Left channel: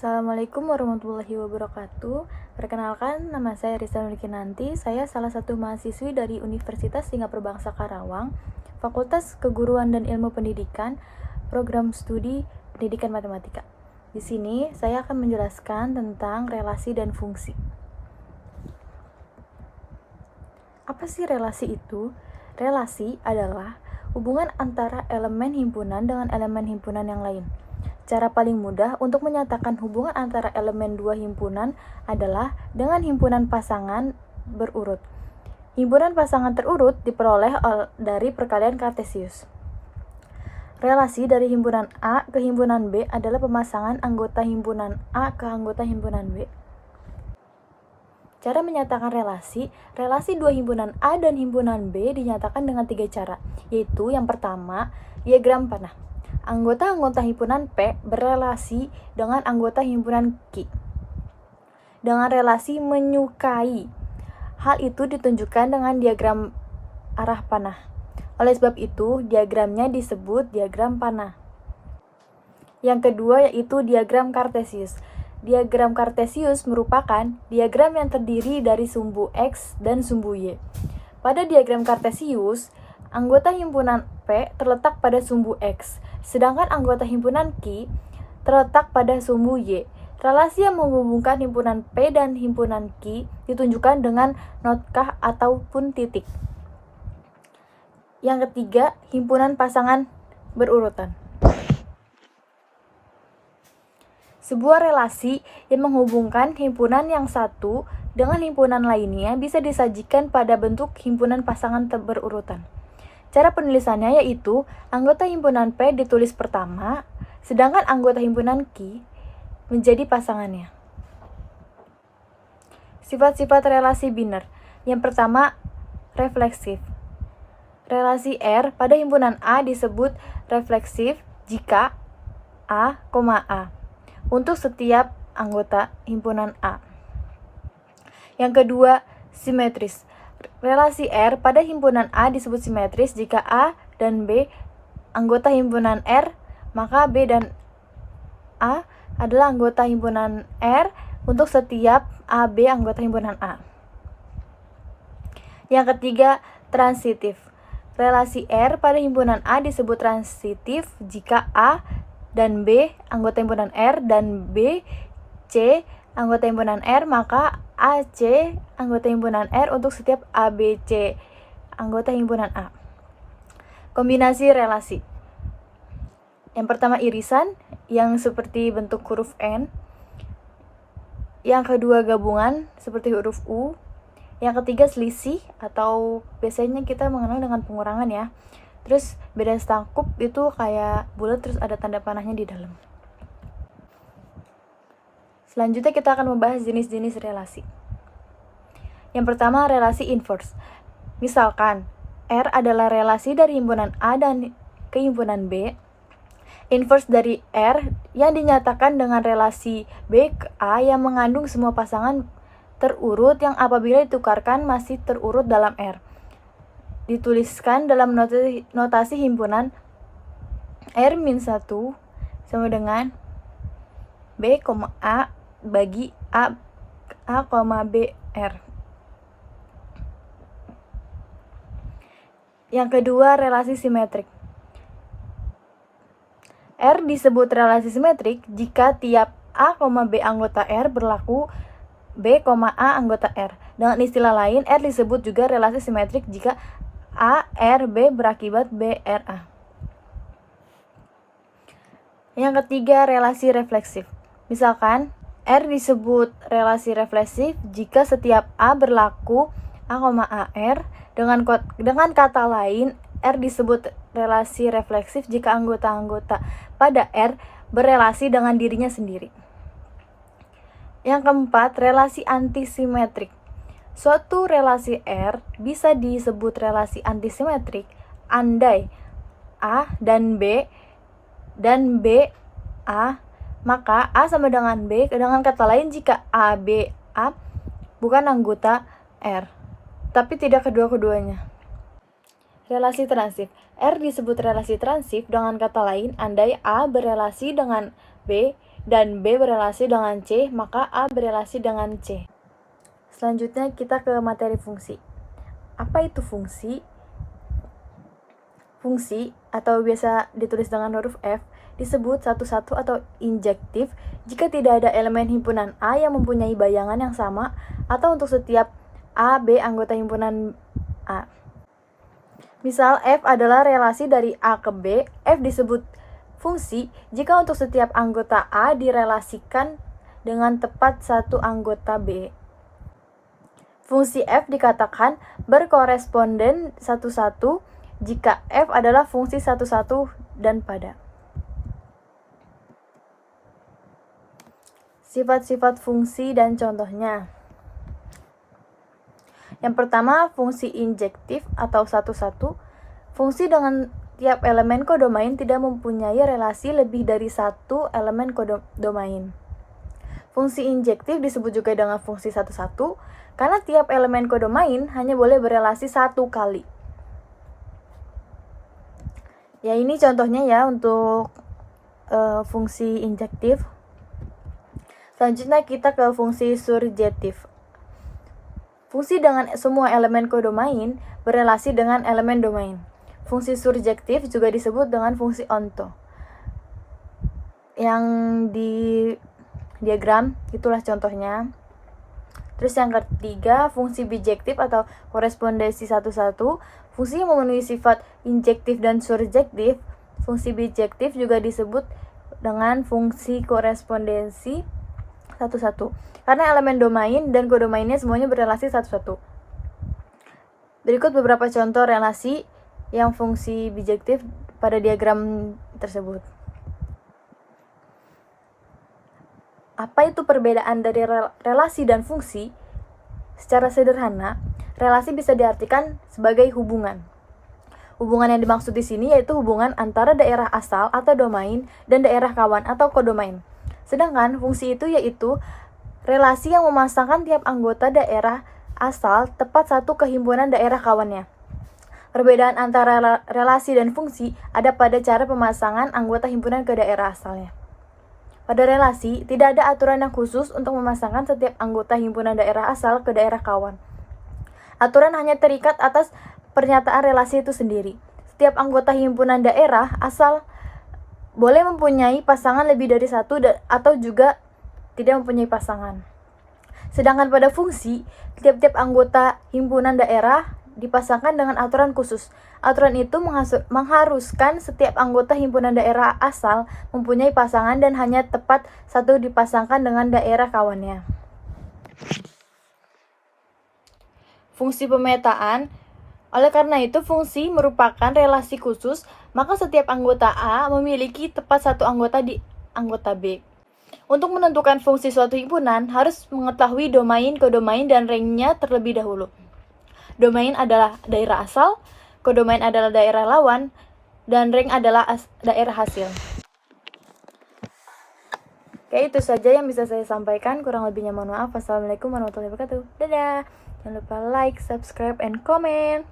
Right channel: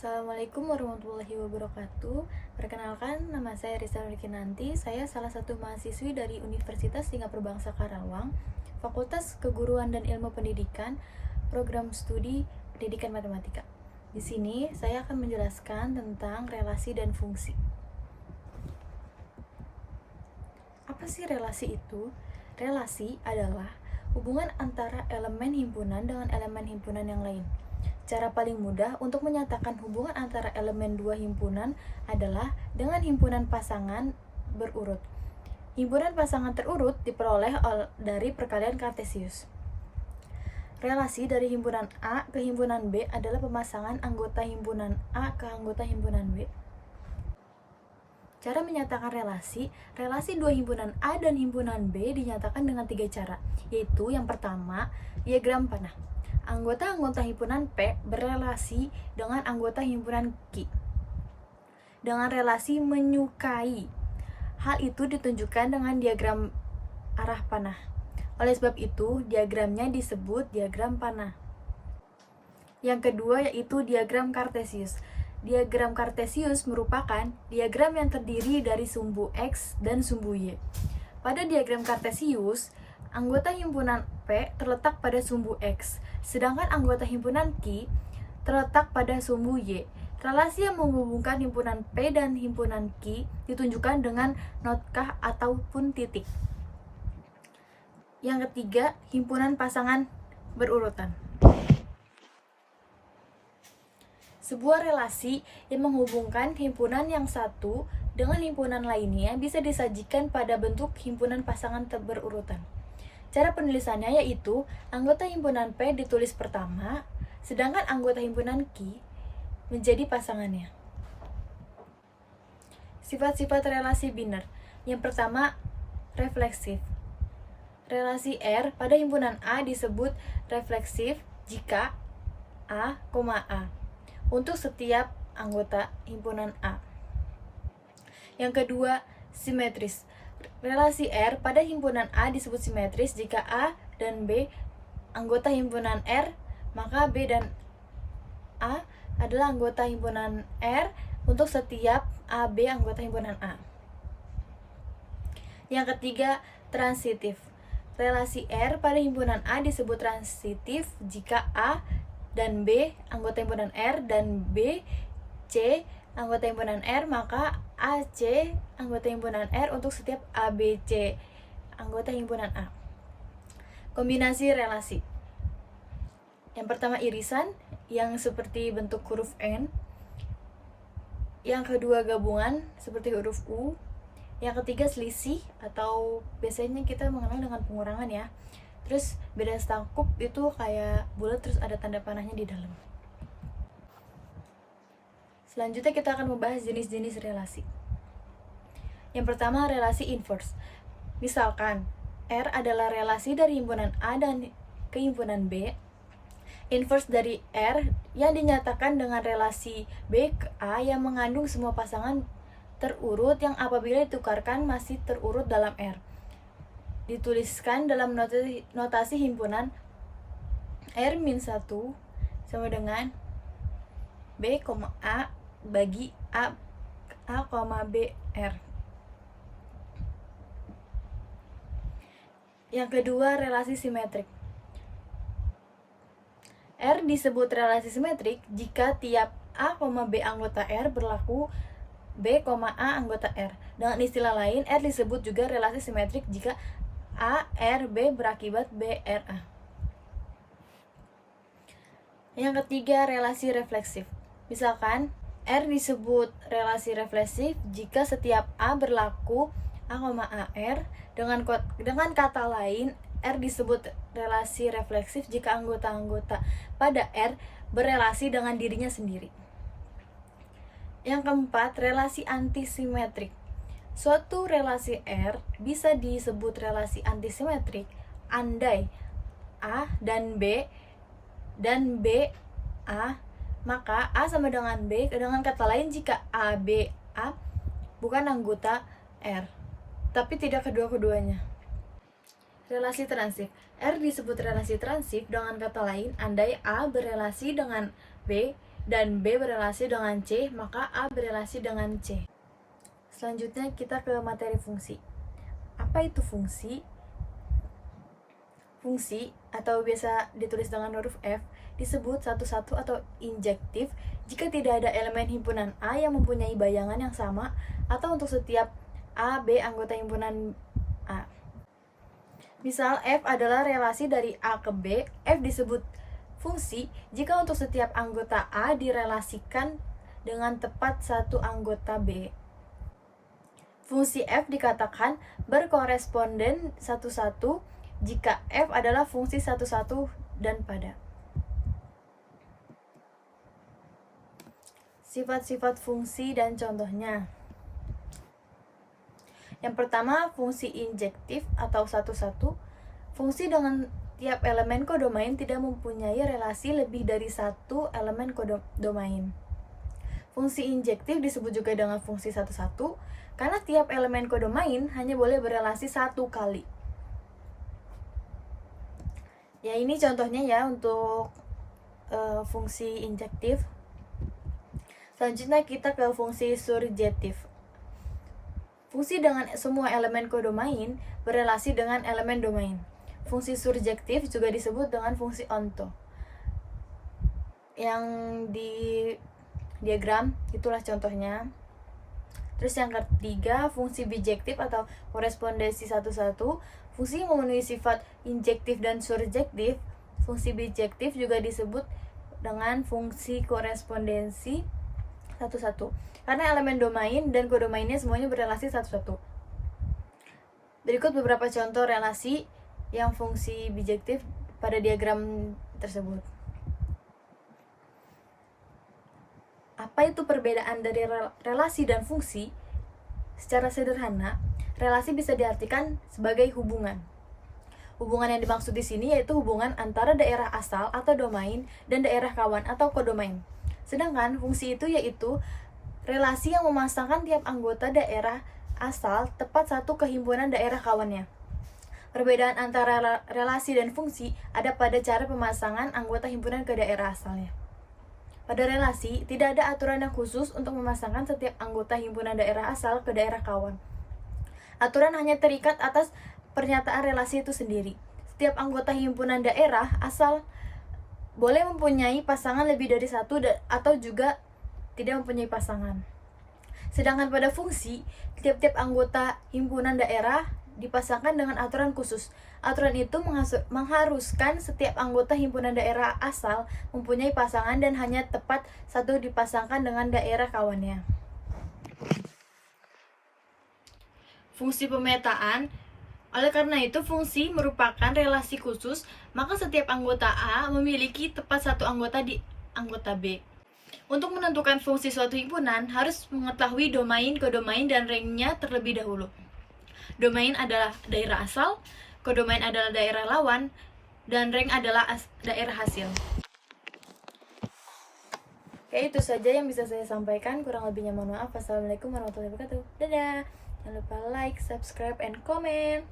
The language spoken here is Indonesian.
Assalamualaikum warahmatullahi wabarakatuh. Perkenalkan, nama saya Risa Nurkinanti. Saya salah satu mahasiswi dari Universitas Singapura Bangsa Karawang, Fakultas Keguruan dan Ilmu Pendidikan, Program Studi Pendidikan Matematika. Di sini saya akan menjelaskan tentang relasi dan fungsi. Apa sih relasi itu? Relasi adalah hubungan antara elemen himpunan dengan elemen himpunan yang lain. Cara paling mudah untuk menyatakan hubungan antara elemen dua himpunan adalah dengan himpunan pasangan berurut. Himpunan pasangan terurut diperoleh dari perkalian Kartesius. Relasi dari himpunan A ke himpunan B adalah pemasangan anggota himpunan A ke anggota himpunan B. Cara menyatakan relasi dua himpunan A dan himpunan B dinyatakan dengan 3 cara, yaitu yang pertama, diagram panah. Anggota-anggota himpunan P berelasi dengan anggota himpunan Q dengan relasi menyukai. Hal itu ditunjukkan dengan diagram arah panah. Oleh sebab itu, diagramnya disebut diagram panah. Yang kedua yaitu diagram Kartesius. Diagram Kartesius merupakan diagram yang terdiri dari sumbu X dan sumbu Y. Pada diagram Kartesius, anggota himpunan P terletak pada sumbu X, sedangkan anggota himpunan Q terletak pada sumbu Y. Relasi yang menghubungkan himpunan P dan himpunan Q ditunjukkan dengan notkah ataupun titik. Yang ketiga, himpunan pasangan berurutan. Sebuah relasi yang menghubungkan himpunan yang satu dengan himpunan lainnya bisa disajikan pada bentuk himpunan pasangan berurutan. Cara penulisannya yaitu anggota himpunan P ditulis pertama, sedangkan anggota himpunan Q menjadi pasangannya. Sifat-sifat relasi biner. Yang pertama, refleksif. Relasi R pada himpunan A disebut refleksif jika A, A untuk setiap anggota himpunan A. Yang kedua, simetris. Relasi R pada himpunan A disebut simetris jika A dan B anggota himpunan R, maka B dan A adalah anggota himpunan R untuk setiap AB anggota himpunan A. Yang ketiga, transitif. Relasi R pada himpunan A disebut transitif jika A dan B anggota himpunan R dan B, C anggota himpunan R, maka AC anggota himpunan R untuk setiap ABC anggota himpunan A. Kombinasi relasi. Yang pertama, irisan yang seperti bentuk huruf N. Yang kedua, gabungan seperti huruf U. Yang ketiga, selisih atau biasanya kita mengenal dengan pengurangan ya. Terus beda sangkup itu kayak bulat terus ada tanda panahnya di dalam. Selanjutnya kita akan membahas jenis-jenis relasi. Yang pertama, relasi inverse. Misalkan R adalah relasi dari himpunan A dan ke himpunan B. Inverse dari R yang dinyatakan dengan relasi B ke A yang mengandung semua pasangan terurut yang apabila ditukarkan masih terurut dalam R. Dituliskan dalam notasi himpunan R-1 sama dengan B, A bagi A, B, R. Yang kedua, relasi simetrik. R disebut relasi simetrik jika tiap A, B anggota R berlaku B, A anggota R. Dengan istilah lain, R disebut juga relasi simetrik jika A, R, B berakibat B, R, A. Yang ketiga, relasi refleksif. Misalkan, R disebut relasi refleksif jika setiap A berlaku A, R. Dengan kata lain, R disebut relasi refleksif jika anggota-anggota pada R berelasi dengan dirinya sendiri. Yang keempat, relasi antisimetrik. Suatu relasi R bisa disebut relasi antisimetrik andai A dan B A, maka A sama dengan B. Dengan kata lain, jika A, B, A bukan anggota R, tapi tidak kedua-keduanya. Relasi transif. R disebut relasi transif dengan kata lain andai A berelasi dengan B dan B berelasi dengan C, maka A berelasi dengan C. Selanjutnya kita ke materi fungsi. Apa itu fungsi? Fungsi, atau biasa ditulis dengan huruf F, disebut satu-satu atau injektif jika tidak ada elemen himpunan A yang mempunyai bayangan yang sama atau untuk setiap A, B anggota himpunan A. Misal, F adalah relasi dari A ke B. F disebut fungsi jika untuk setiap anggota A direlasikan dengan tepat satu anggota B. Fungsi F dikatakan berkoresponden satu-satu jika F adalah fungsi satu-satu dan pada. Sifat-sifat fungsi dan contohnya. Yang pertama, fungsi injektif atau satu-satu. Fungsi dengan tiap elemen kodomain tidak mempunyai relasi lebih dari satu elemen kodomain. Fungsi injektif disebut juga dengan fungsi satu-satu karena tiap elemen kodomain hanya boleh berelasi satu kali. Ya, ini contohnya ya untuk fungsi injektif. Selanjutnya kita ke fungsi surjektif. Fungsi dengan semua elemen kodomain berelasi dengan elemen domain. Fungsi surjektif juga disebut dengan fungsi onto. Yang di diagram itulah contohnya. Terus yang ketiga, fungsi bijektif atau korespondensi satu-satu. Fungsi yang memenuhi sifat injektif dan surjektif. Fungsi bijektif juga disebut dengan fungsi korespondensi satu-satu karena elemen domain dan kodomainnya semuanya berelasi satu-satu. Berikut beberapa contoh relasi yang fungsi bijektif pada diagram tersebut. Apa itu perbedaan dari relasi dan fungsi? Secara sederhana, relasi bisa diartikan sebagai hubungan. Hubungan yang dimaksud di sini yaitu hubungan antara daerah asal atau domain dan daerah kawan atau kodomain. Sedangkan fungsi itu yaitu relasi yang memasangkan tiap anggota daerah asal tepat satu kehimpunan daerah kawannya. Perbedaan antara relasi dan fungsi ada pada cara pemasangan anggota himpunan ke daerah asalnya. Pada relasi, tidak ada aturan yang khusus untuk memasangkan setiap anggota himpunan daerah asal ke daerah kawan. Aturan hanya terikat atas pernyataan relasi itu sendiri. Setiap anggota himpunan daerah asal boleh mempunyai pasangan lebih dari satu atau juga tidak mempunyai pasangan. Sedangkan pada fungsi, tiap-tiap anggota himpunan daerah dipasangkan dengan aturan khusus. Aturan itu mengharuskan setiap anggota himpunan daerah asal mempunyai pasangan dan hanya tepat satu dipasangkan dengan daerah kawannya. Fungsi pemetaan. Oleh karena itu, fungsi merupakan relasi khusus, maka setiap anggota A memiliki tepat satu anggota di anggota B. Untuk menentukan fungsi suatu himpunan, harus mengetahui domain, kodomain, dan rangnya terlebih dahulu. Domain adalah daerah asal, kodomain adalah daerah lawan, dan rang adalah daerah hasil. Oke, itu saja yang bisa saya sampaikan. Kurang lebihnya mohon maaf. Wassalamualaikum warahmatullahi wabarakatuh. Dadah. Jangan lupa like, subscribe, and comment.